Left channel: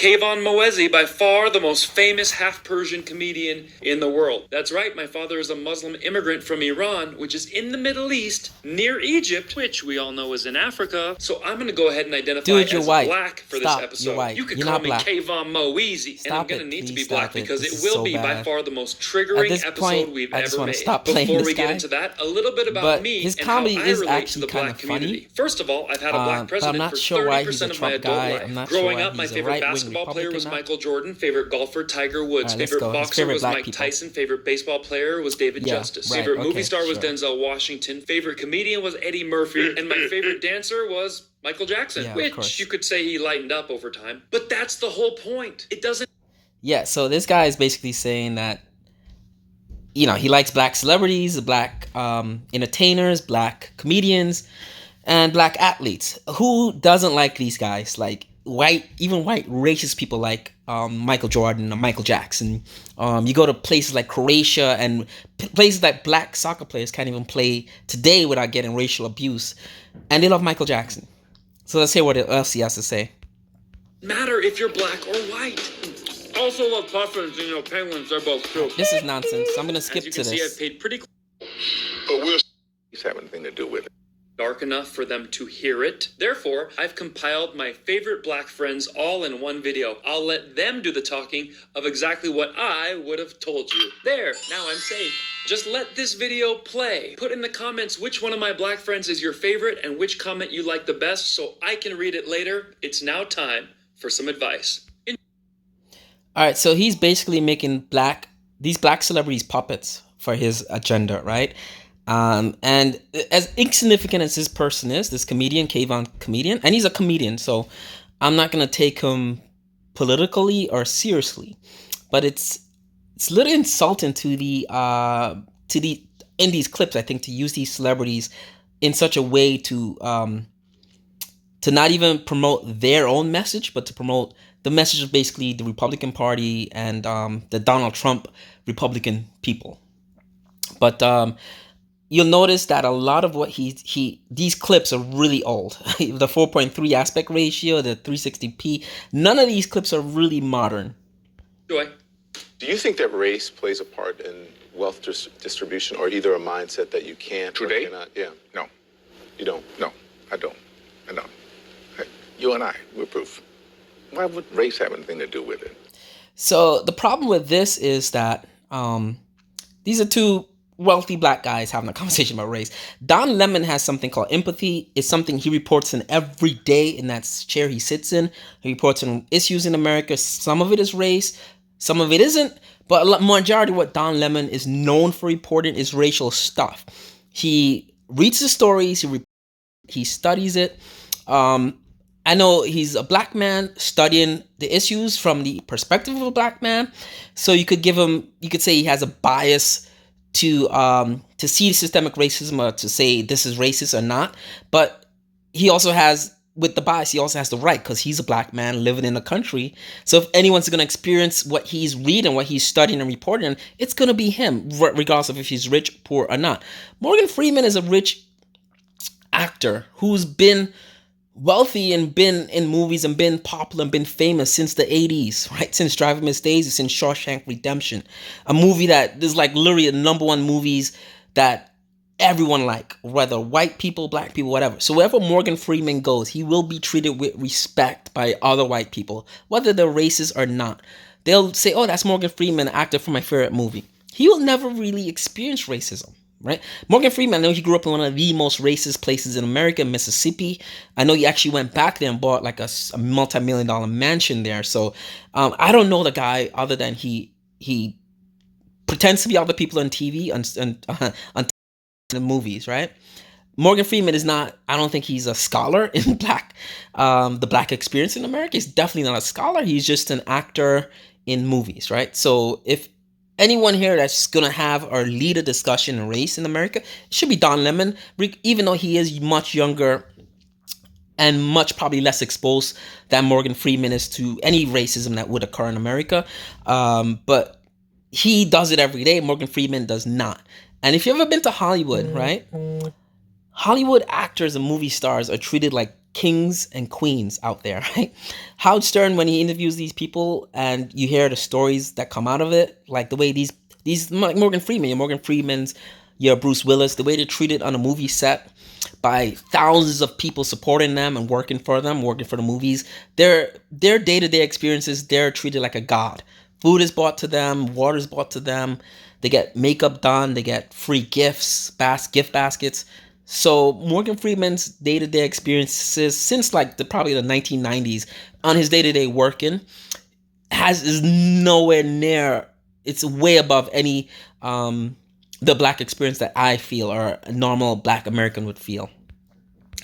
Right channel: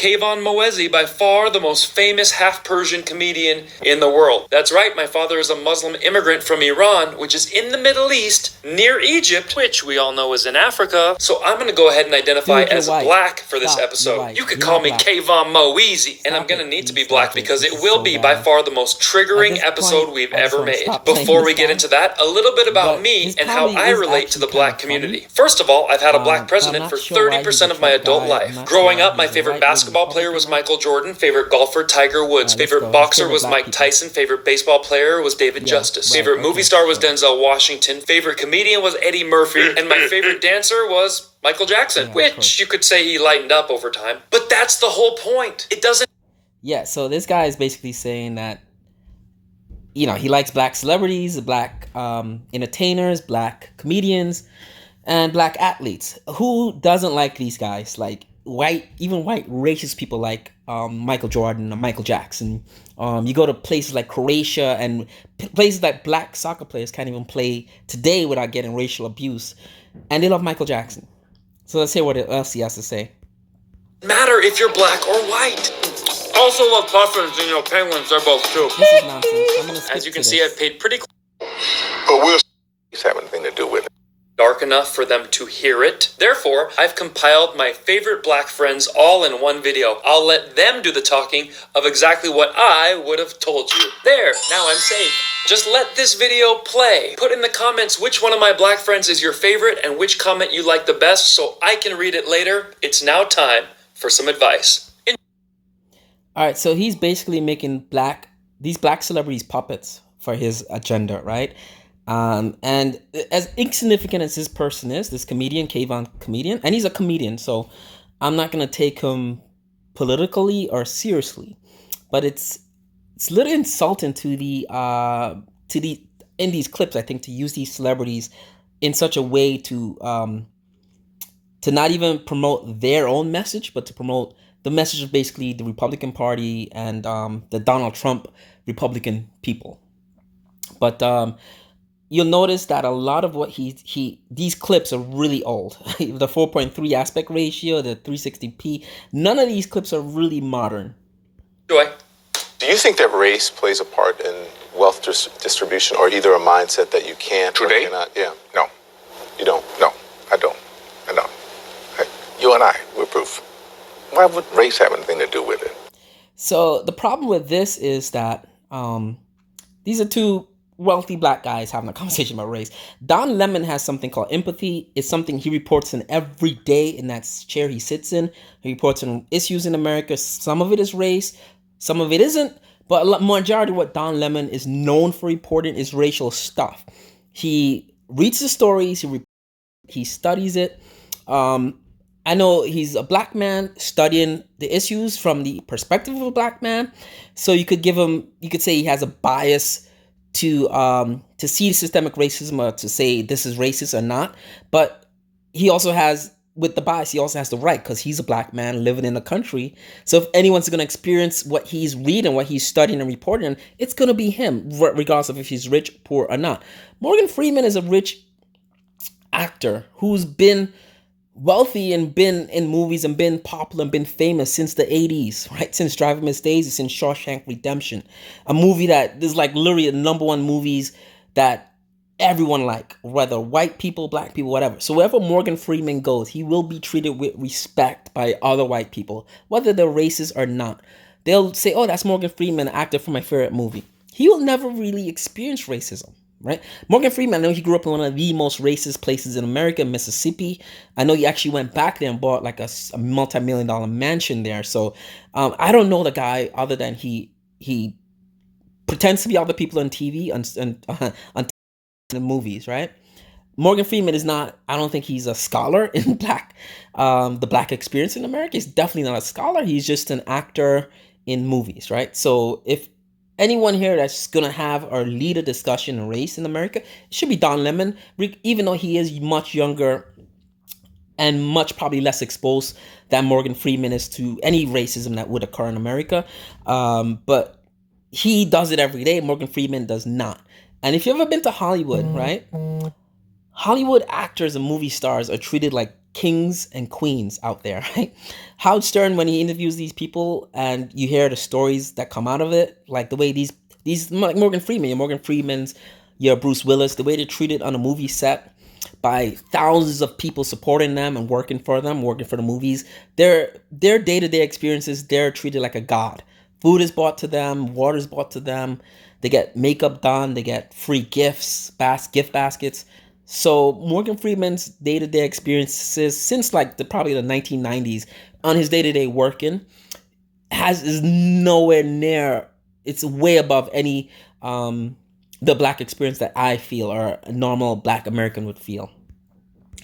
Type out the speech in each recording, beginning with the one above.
Kayvan Moezi, by far the most famous half-Persian comedian in the world. That's right, my father is a Muslim immigrant from Iran, which is in the Middle East, near Egypt, which we all know is in Africa. So I'm going to go ahead and identify as black for this episode. You could call me Kayvan Moezi, and I'm going to need to be black because it will be by far the most triggering episode we've ever made. Before we get into that, a little bit about me and how I relate to the black community. First of all, I've had a black president for 30% of my adult life. Growing up, my favorite basketball player was Michael Jordan, favorite golfer Tiger Woods, favorite boxer was Mike Tyson, favorite baseball player was David Justice, favorite movie star was Denzel Washington, favorite comedian was Eddie Murphy, and my favorite dancer was Michael Jackson, which you could say he lightened up over time. But that's the whole point. It doesn't... Yeah, so this guy is basically saying that, you know, he likes black celebrities, black entertainers, black comedians, and black athletes. Who doesn't like these guys? Like even white racist people like Michael Jordan or Michael Jackson. You go to places like Croatia and places that black soccer players can't even play today without getting racial abuse, and they love Michael Jackson. So let's hear what else he has to say. Matter if you're black or white. Also love puffins and penguins. They're both too. This is nonsense. I'm gonna skip to this. As you can see, I've paid pretty. But we'll have anything to do with it. Dark enough for them to hear it. Therefore, I've compiled my favorite black friends all in one video. I'll let them do the talking of exactly what I would have told you. There, now I'm safe. Just let this video play. Put in the comments which one of my black friends is your favorite and which comment you like the best so I can read it later. It's now time for some advice. All right, so he's basically making these black celebrities puppets for his agenda, right? And as insignificant as this person is, this comedian, Kayvan comedian, and he's a comedian, so I'm not gonna take him politically or seriously, but it's a little insulting to the in these clips, I think, to use these celebrities in such a way to not even promote their own message, but to promote the message of basically the Republican Party and the Donald Trump Republican people. But you'll notice that a lot of what these clips are really old. The 4.3 aspect ratio, the 360p, none of these clips are really modern. Do you think that race plays a part in wealth distribution, or either a mindset that you can't or cannot? Yeah. No. You don't? No, I don't. Hey, you and I, we're proof. Why would race have anything to do with it? So the problem with this is that these are two wealthy black guys having a conversation about race. Don Lemon has something called empathy. It's something he reports in every day in that chair he sits in. He reports on issues in America. Some of it is race, some of it isn't, but a majority of what Don Lemon is known for reporting is racial stuff. He reads the stories, he studies it. I know he's a black man studying the issues from the perspective of a black man. So you could say he has a bias to see systemic racism or to say this is racist or not. But he also has, with the bias, he also has the right because he's a black man living in the country. So if anyone's going to experience what he's reading, what he's studying and reporting, it's going to be him, regardless of if he's rich, poor, or not. Morgan Freeman is a rich actor who's been wealthy and been in movies and been popular and been famous since the 80s, right? Since Driving Miss Daisy, since Shawshank Redemption, a movie that is like literally the number one movies that everyone like, whether white people, black people, whatever. So wherever Morgan Freeman goes, he will be treated with respect by other white people, whether they're racist or not. They'll say, oh, that's Morgan Freeman, actor for my favorite movie. He will never really experience racism. Right? Morgan Freeman, I know he grew up in one of the most racist places in America, Mississippi. I know he actually went back there and bought like a multi-million-dollar mansion there. So I don't know the guy other than he pretends to be other people on TV on the movies, right? Morgan Freeman is not, I don't think he's a scholar in the black experience in America. He's definitely not a scholar. He's just an actor in movies, right? So if anyone here that's going to have or lead a discussion on race in America, it should be Don Lemon, even though he is much younger and much probably less exposed than Morgan Freeman is to any racism that would occur in America. But he does it every day. Morgan Freeman does not. And if you've ever been to Hollywood, right? Hollywood actors and movie stars are treated like kings and queens out there, right? Howard Stern, when he interviews these people and you hear the stories that come out of it, like the way these like Morgan Freeman's, your Bruce Willis, the way they're treated on a movie set by thousands of people supporting them and working for them, working for the movies. Their day-to-day experiences, they're treated like a god. Food is brought to them, water is brought to them. They get makeup done, they get free gifts, gift baskets. So Morgan Freeman's day-to-day experiences since like probably the 1990s on his day-to-day working is nowhere near. It's way above any the black experience that I feel or a normal black American would feel.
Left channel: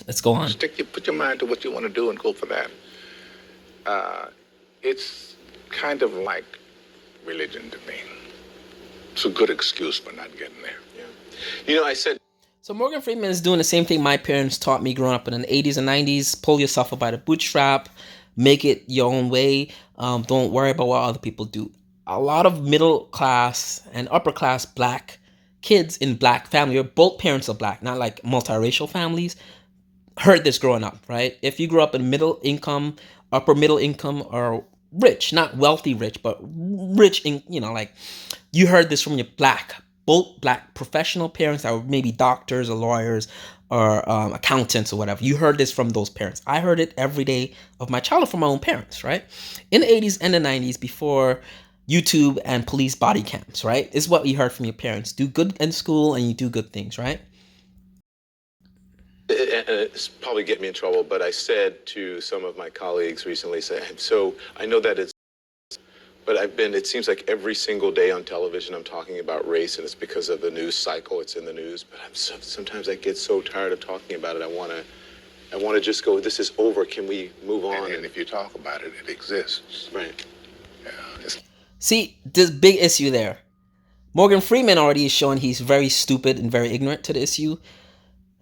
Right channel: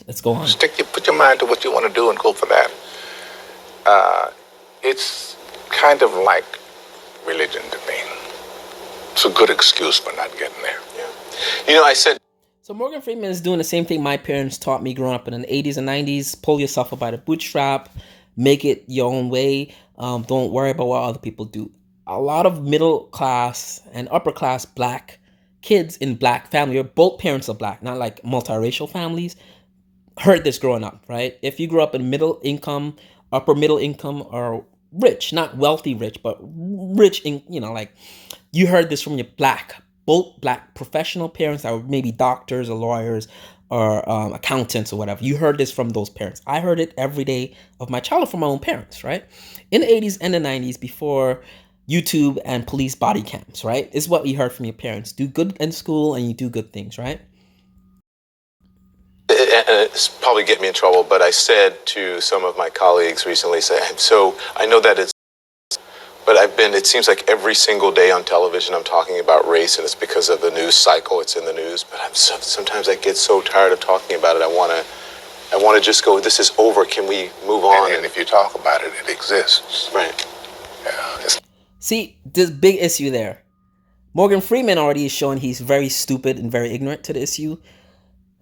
Let's go on. Put your mind to what you want to do and go for that. It's kind of like religion to me. It's a good excuse for not getting there. Yeah. You know, I said. So Morgan Freeman is doing the same thing my parents taught me growing up in the 80s and 90s. Pull yourself up by the bootstrap. Make it your own way. Don't worry about what other people do. A lot of middle class and upper class black kids in black family, or both parents are black, not like multiracial families, heard this growing up, right? If you grew up in middle income, upper middle income, or rich, not wealthy rich, but rich in, like you heard this from your both black professional parents that were maybe doctors or lawyers or accountants or whatever. You heard this from those parents. I heard it every day of my childhood from my own parents, right? In the 80s and the 90s, before YouTube and police body cams, right? Is what you heard from your parents. Do good in school and you do good things, right? It's probably get me in trouble, but I said to some of my colleagues recently, so I know that but it seems like every single day on television I'm talking about race, and it's because of the news cycle, it's in the news, but sometimes I get so tired of talking about it, I want to just go, this is over, can we move on? And if you talk about it, it exists. Right. Yeah. See, this big issue there. Morgan Freeman already is showing he's very stupid and very ignorant to the issue.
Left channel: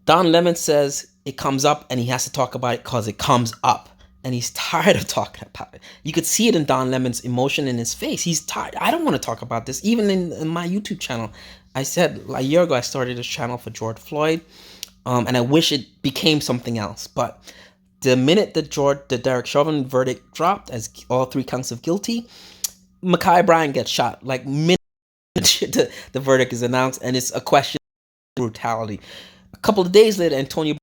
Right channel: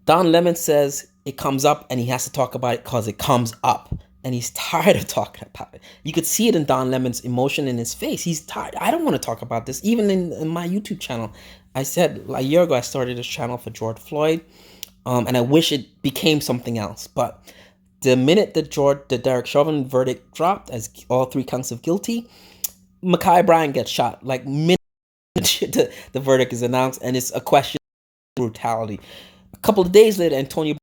Don Lemon says it comes up and he has to talk about it because it comes up. And he's tired of talking about it. You could see it in Don Lemon's emotion in his face. He's tired. I don't want to talk about this. Even in my YouTube channel, I said a year ago I started this channel for George Floyd. And I wish it became something else. But the minute the Derek Chauvin verdict dropped as all 3 counts of guilty, Ma'Khia Bryant gets shot. Like minute the verdict is announced, and it's a question of brutality. A couple of days later, Antonio.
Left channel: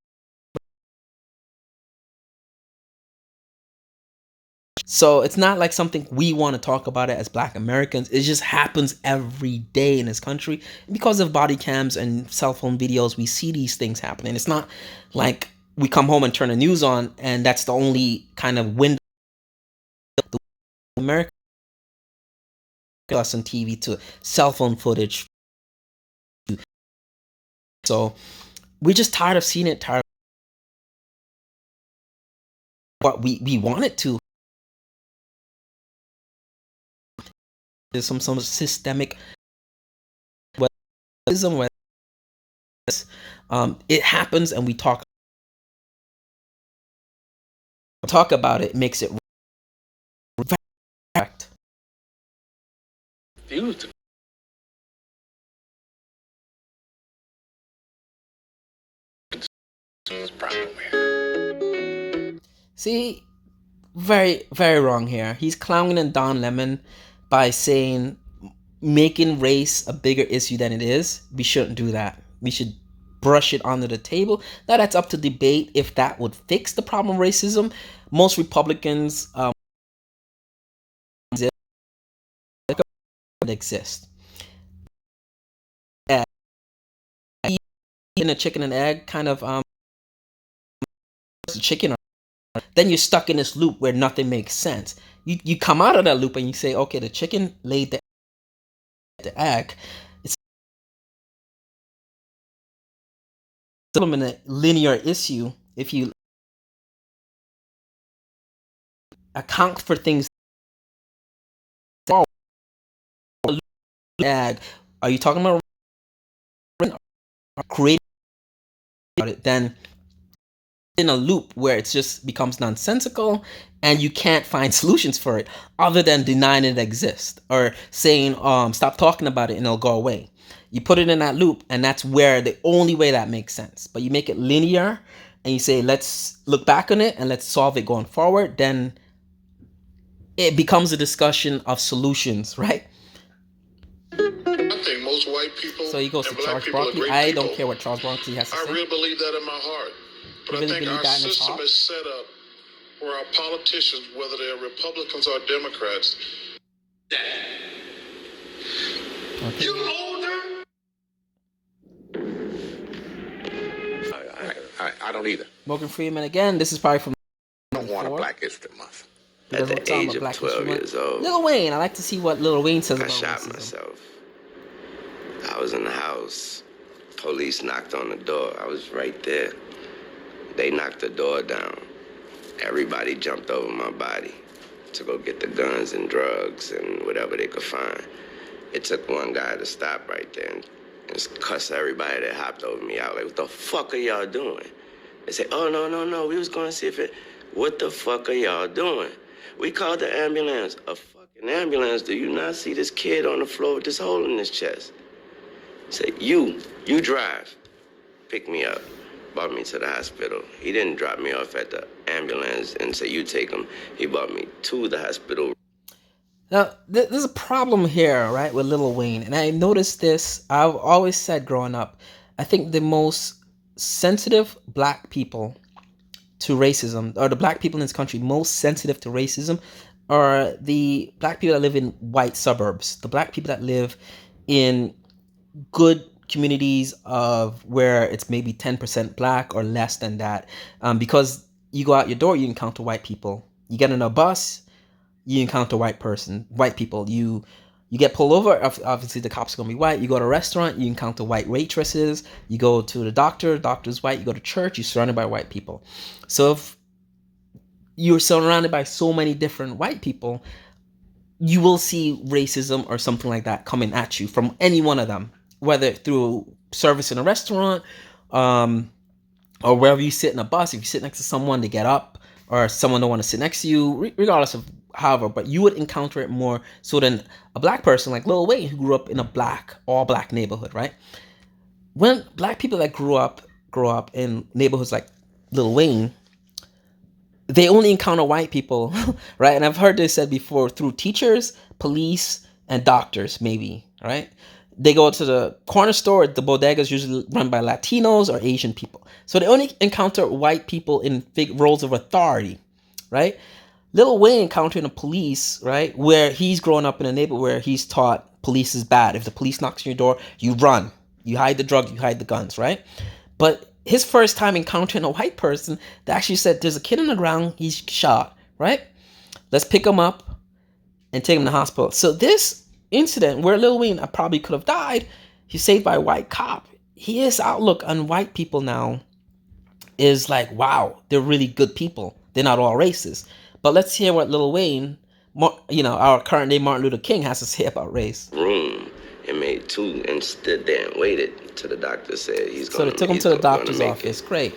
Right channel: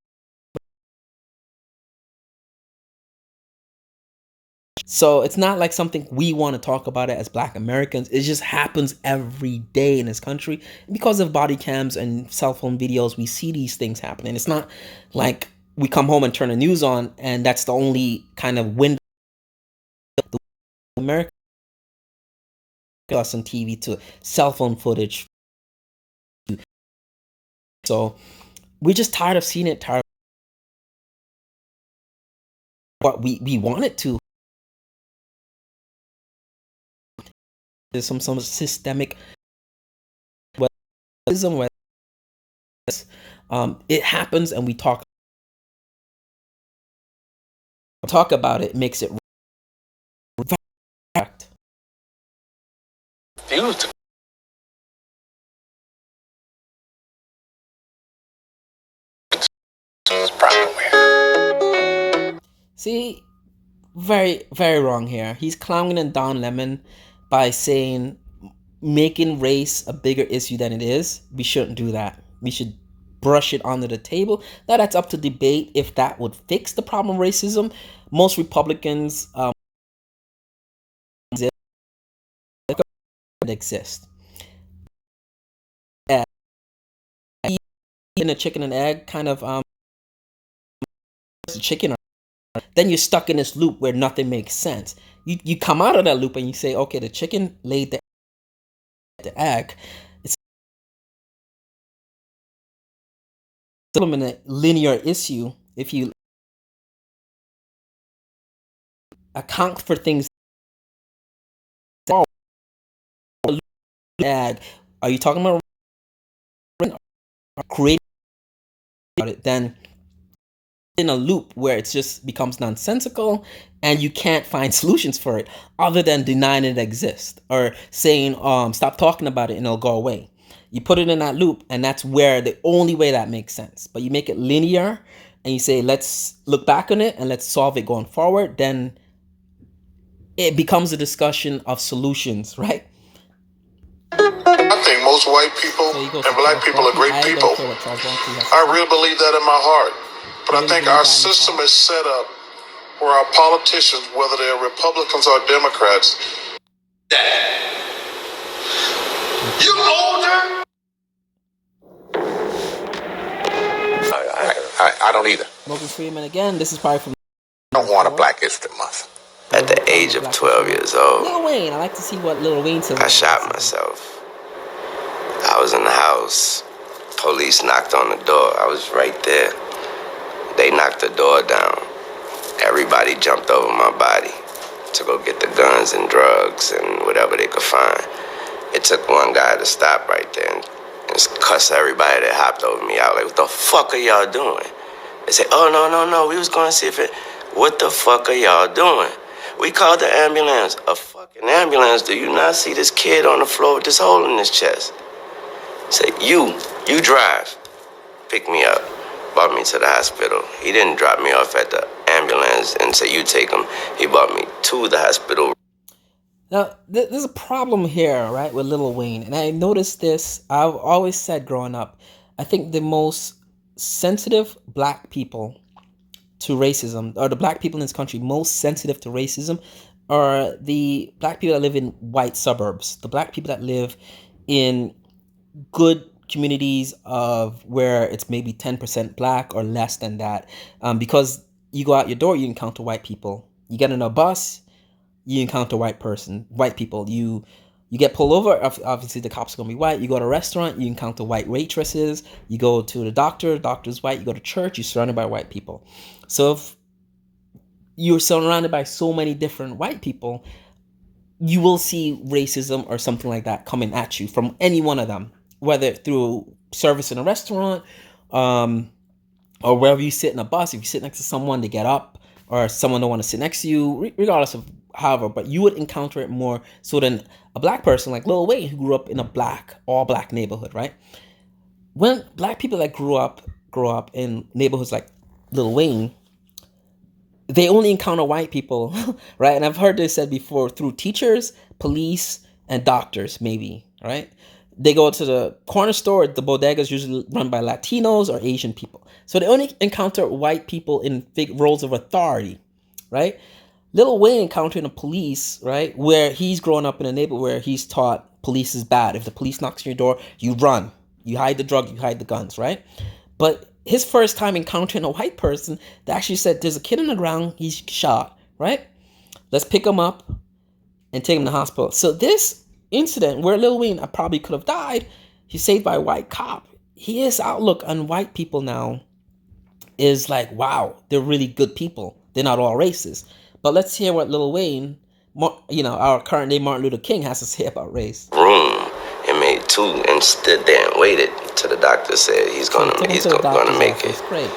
So it's not like something we want to talk about it as black Americans. It just happens every day in this country. And because of body cams and cell phone videos, we see these things happening. It's not like we come home and turn the news on and that's the only kind of window of America us on TV to cell phone footage. So we're just tired of seeing it, tired of what we want it to. There's some systemic racism where it happens and we talk about it, makes it correct. See, very, very wrong here. He's clowning on Don Lemon by saying making race a bigger issue than it is. We shouldn't do that. We should brush it under the table. Now that's up to debate if that would fix the problem of racism. Most Republicans exist. In a chicken and egg kind of chicken, then you're stuck in this loop where nothing makes sense. You come out of that loop and you say, okay, the chicken laid the egg. It's still in a linear issue. If you account for things, egg, are you talking about creating it? Then in a loop where it just becomes nonsensical and you can't find solutions for it other than denying it exists or saying stop talking about it and it'll go away. You put it in that loop, and that's where the only way that makes sense. But you make it linear, and you say, let's look back on it and let's solve it going forward, then it becomes a discussion of solutions, right? I think most white people So you go and to black Charles people are Barkley. great I people. don't care what Charles Barkley has to I say. really believe that in my heart. But You I really think believe our that in your system heart? is set up where our politicians, whether they're Republicans or Democrats, you older? I don't either. Morgan Freeman again. This is probably from. I don't want a Black History Month. At the age of 12 years old, Lil Wayne. I like to see what Lil Wayne says I about shot racism. myself. I was in the house. Police knocked on the door. I was right there. They knocked the door down. Everybody jumped over my body to go get the guns and drugs and whatever they could find. It took one guy to stop right there and cuss everybody that hopped over me out. Like, what the fuck are y'all doing? They said, oh, no, we was going to see if it... What the fuck are y'all doing? We called the ambulance. A fucking ambulance? Do you not see this kid on the floor with this hole in his chest? Say, you drive. Pick me up. Brought me to the hospital. He didn't drop me off at the ambulance and say, you take him. He brought me to the hospital. Now, there's a problem here, right, with Lil Wayne. And I noticed this. I've always said growing up, I think the most sensitive black people to racism, or the black people in this country most sensitive to racism, are the black people that live in white suburbs. The black people that live in good communities of where it's maybe 10% black or less than that. Because you go out your door, you encounter white people. You get on a bus, you encounter white people. You get pulled over, obviously the cops are gonna be white. You go to a restaurant, you encounter white waitresses. You go to the doctor's white. You go to church, you're surrounded by white people. So if you're surrounded by so many different white people, you will see racism or something like that coming at you from any one of them, whether through service in a restaurant, or wherever you sit in a bus. If you sit next to someone, they get up, or someone don't want to sit next to you, regardless of however, but you would encounter it more so than a black person like Lil Wayne, who grew up in a all black neighborhood, right? When black people that grow up in neighborhoods like Lil Wayne, they only encounter white people, right? And I've heard this said before, through teachers, police, and doctors, maybe, right? They go to the corner store, the bodega is usually run by Latinos or Asian people. So they only encounter white people in big roles of authority, right? Lil Wayne encountering the police, right? Where he's growing up in a neighborhood where he's taught police is bad. If the police knocks on your door, you run. You hide the drug, you hide the guns, right? But his first time encountering a white person, they actually said, there's a kid on the ground, he's shot, right? Let's pick him up and take him to the hospital. So this incident where Lil Wayne probably could have died, he's saved by a white cop. His outlook on white people now is like, wow, they're really good people. They're not all racist. But let's hear what Lil Wayne, our current day Martin Luther King, has to say about race. Room and made two and stood there and waited till the doctor said he's So going they took him he's to the gonna doctor's make office. it. Great.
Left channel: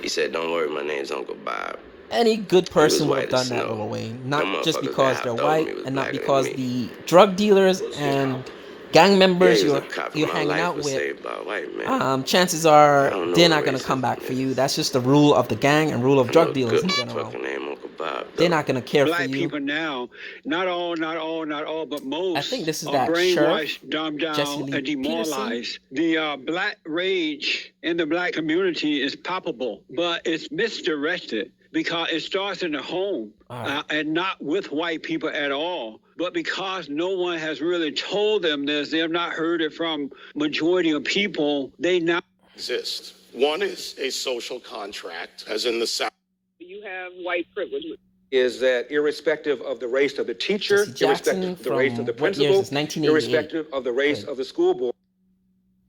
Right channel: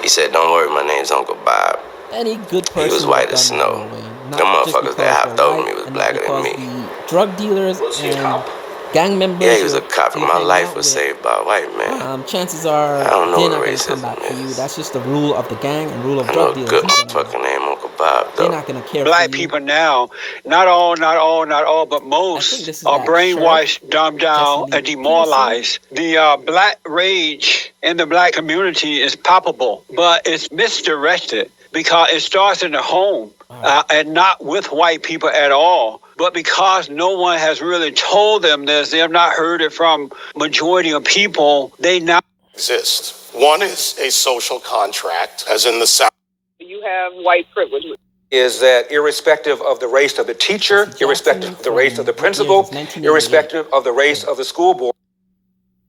He said, don't worry, my name's Uncle Bob. Any good He was person would white have as done that, snow. Lil Wayne. Them Not just motherfuckers because that they're hopped over white, me was and not blacker because than me. the drug dealers and gang members Yeah, he was a cop and you're my hanging life out was with, saved by a white man. chances are I don't know they're what not going to come back racism for you. is. That's just the rule of the gang and rule of I know drug a dealers good in general. motherfucker named Uncle Bob, They're though. not going to care for Black you. people now, not all, but I think most this is are that brainwashed, dumbed Jesse down, Lee and Peterson. demoralized. The black rage in the black community is palpable, but it's misdirected because it starts in the home and not with white people at all. But because no one has really told them this, they have not heard it from majority of people, they now exist. One is a social contract, as in the South. You have white privilege. Is that irrespective of the race of the teacher, Jesse irrespective of the race of the Jackson from principal, what years? 1988. irrespective of the race of the school board.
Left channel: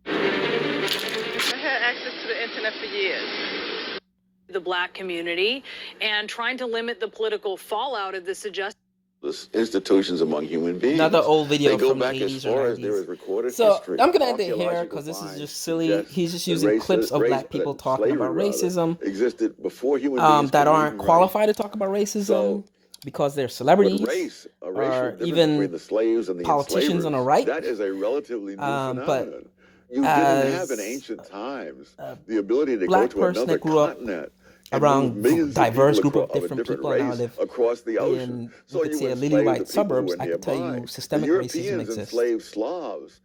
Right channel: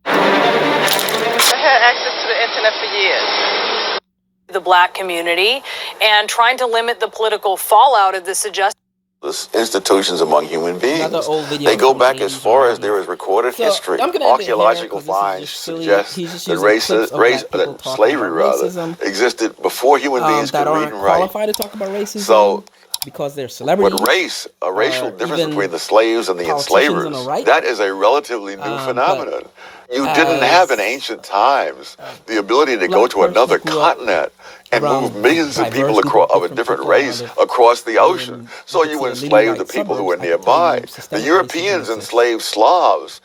I had access to the internet for years. The black community and trying to limit the political fallout of the suggestion. Institutions among human beings. Another old video They go from the back 80s as or far as 90s. there is recorded So, history. I'm gonna end it here, Archaeological 'cause this is finds just silly. suggest He's just that using clips of black people talking slavery about racism existed before human beings that could read aren't and write. qualified to talk about racism. So because they're celebrities. But race, a racial difference even between the slaves and the politicians on the enslavers, right. that is a relatively new But phenomenon. You didn't as have in ancient times the ability to go black to person another that grew up continent and around move millions of diverse people group of a different people, race live across the ocean. in, So you you could say, enslaved elite the white people who were suburbs. I could tell you nearby. The systemic racism Europeans exists. enslaved Slavs